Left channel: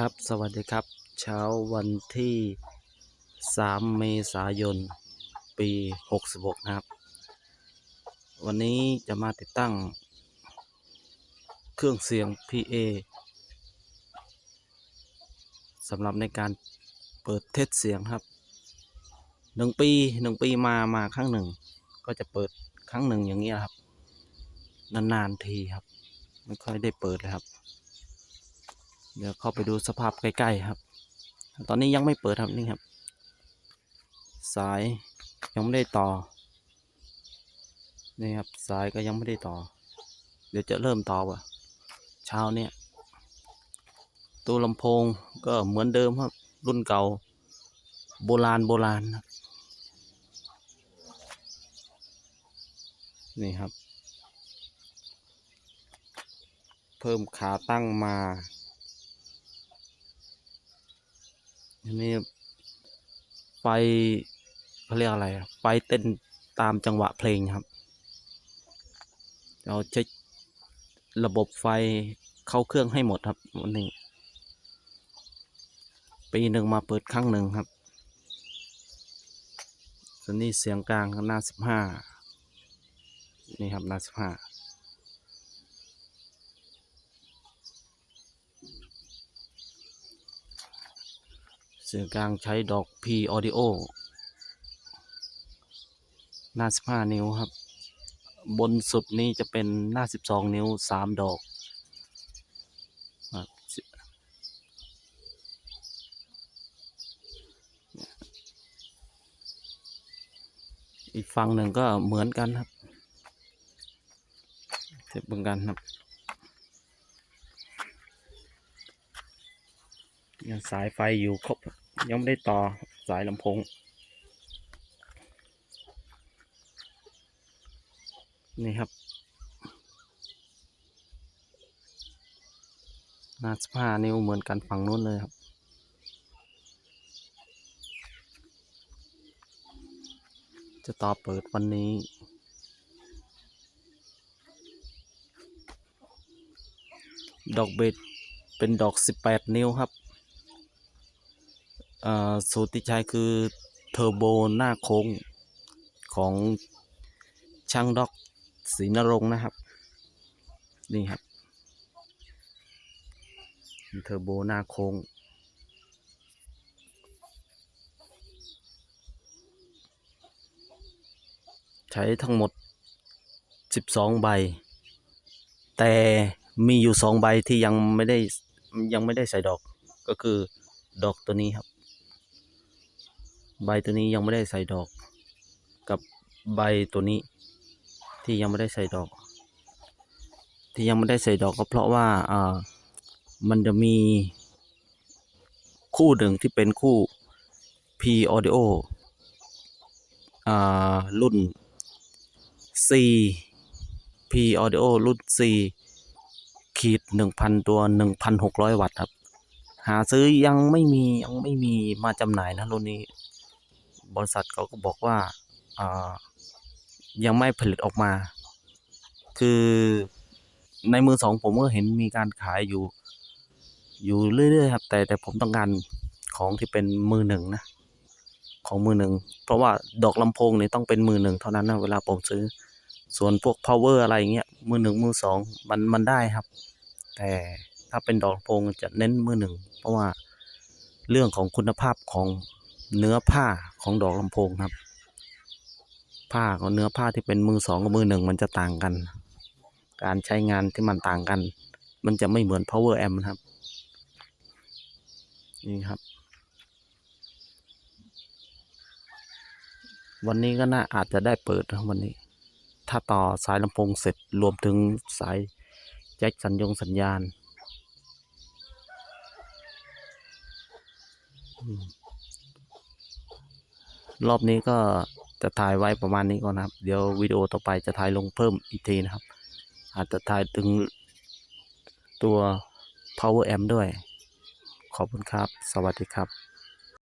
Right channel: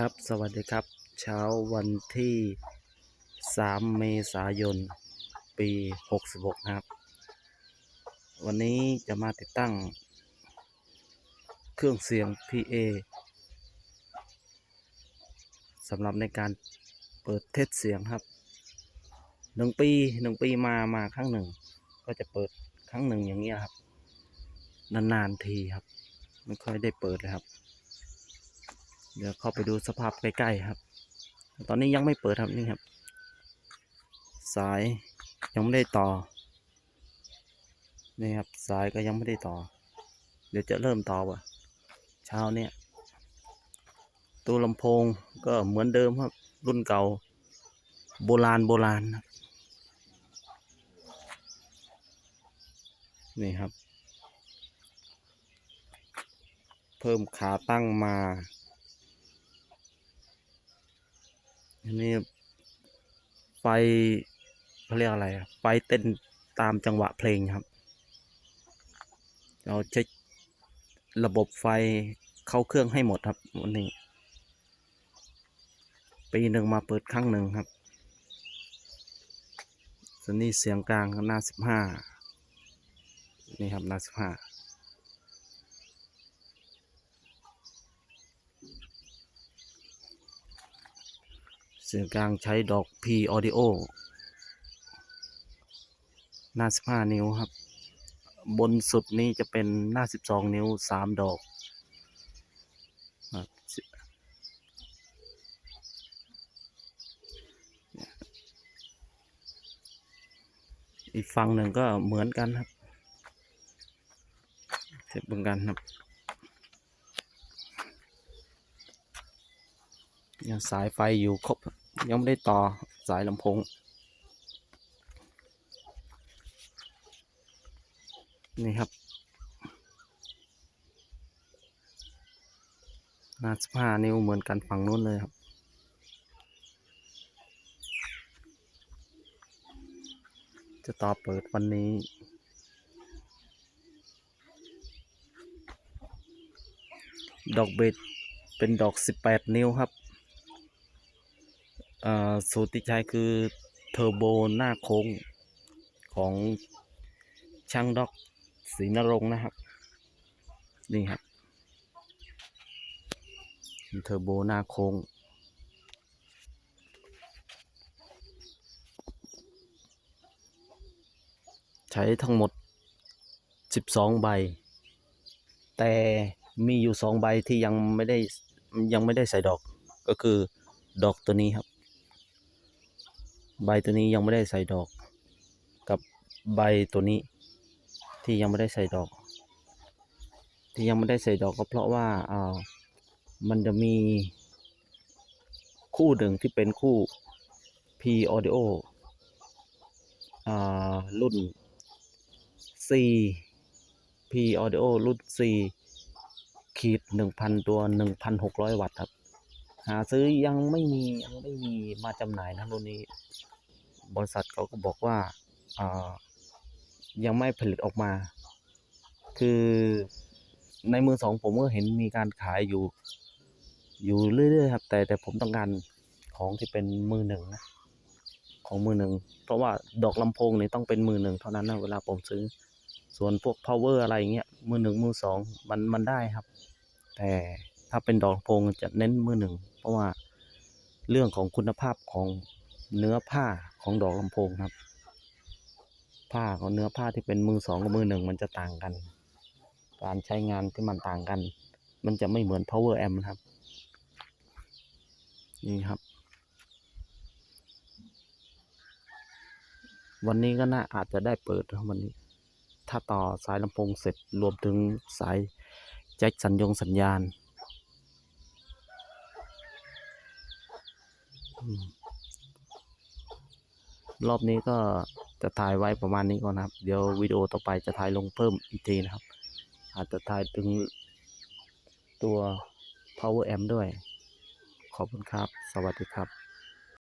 ครับสวัสดีครับเช้าวันที่ 3 เมษายน ปี 66 นะครับ วันนี้จะมาติดตั้ง เครื่องเสียง PA สำหรับในการเปิดเทสเสียงครับหนึ่งปีหนึ่งปีมามาครั้งหนึ่ง ก็จะเปิดครั้งหนึ่งอย่างนี้ครับ นาน ๆ ทีครับ ไม่ค่อยได้เปิดเลยครับ เดี๋ยวเข้าไปดูสภาพใกล้ๆครับ ตอนนี้ยังไม่เปิดครับนี่ครับ สายยังไม่ได้ต่อ นี่ครับสายก็ยังไม่ได้ต่อ เดี๋ยวจะเริ่มต่อว่ะ เช้าเนี่ยตัวลำโพงก็เหมือนเดิมครับ รุ่นเก่า โบราณโบราณครับนี่ครับ เพิ่มขาตั้งมา อันนี้ไฟเขาเรียกอะไรไฟเต้นตามจังหวะเพลงครับ เราเช็คระบบไฟเข้าเครื่องให้หมดครับวันนี้ปีหนึ่งมาเปิดครั้งหนึ่งครับส่วนนี้เสียงกลางหน้าสิบห้านี่ครับหน้าสิบห้า สียงกลางใช้ดอก P Audio หน้า 15 นิ้วครับ บนสุดนี้จะเป็นหน้า 12 นิ้ว 3 ดอก อีกฝั่งหนึ่งก็เหมือนกันครับเทียบเหมือนกันครับยังสายไฟอยู่ครบ ยังไม่ได้ต่อสายลำโพง นี่ครับหน้าสิบห้านิ้วเหมือนกันฝั่งนู้นเลยครับ จะต่อเปิดวันนี้ดอกเบ็ดเป็นดอก 18 นิ้วครับ สูตรที่ใช้คือเทอร์โบหน้าโค้งของช่างด็อกศรีนรงค์นะครับ นี่ครับเทอร์โบหน้าโค้งใช้ทั้งหมด 12 ใบ แต่มีอยู่ 2 ใบที่ยังไม่ได้ยังไม่ได้ใส่ดอก ก็คือดอกตัวนี้ครับ ใบตัวนี้ยังไม่ได้ใส่ดอก กับใบตัวนี้ ที่ยังไม่ได้ใส่ดอก ที่ยังไม่ได้ใส่ดอกก็เพราะว่าเอ่อมันจะมีคู่หนึ่งที่เป็นคู่ P Audio อ่ารุ่น C P Audio รุ่น C ขีดหนึ่งพันตัวหนึ่งพันหกร้อยวัตต์ครับ หาซื้อยังไม่มียังไม่มีมาจำหน่ายนะรุ่นนี้ บริษัทเขาก็บอกว่าอ่ายังไม่ผลิตออกมา คือในมือสองผมก็เห็นมีการขายอยู่ อยู่เรื่อยๆครับแต่แต่ผมต้องการของที่เป็นมือหนึ่งนะของมือหนึ่งเพราะว่าดอกลำโพงเนี่ยต้องเป็นมือหนึ่งเท่านั้นนะเวลาผมซื้อ ส่วนพวก power อะไรเงี้ยมือหนึ่งมือสองมันมันได้ครับ แต่ถ้าเป็นดอกลำโพงจะเน้นมือหนึ่งเพราะว่าเรื่องของคุณภาพของ เนื้อผ้าของดอกลำโพงครับ ผ้าของเนื้อผ้าที่เป็นมือสองกับมือหนึ่งมันจะต่างกัน การใช้งานที่มันต่างกัน มันจะไม่เหมือน power amp นะครับ นี่ครับ วันนี้ก็น่าอาจจะได้เปิดนะวันนี้ ถ้าต่อสายลำโพงเสร็จรวมถึงสายแจ็คสัญญงสัญญาณอืม รอบนี้ก็จะถ่ายไว้ประมาณนี้ก่อนนะครับ เดี๋ยววิดีโอต่อไปจะถ่ายลงเพิ่มอีกทีนะครับ อาจจะถ่ายถึงตัว power amp ด้วย ขอบคุณครับ สวัสดีครับ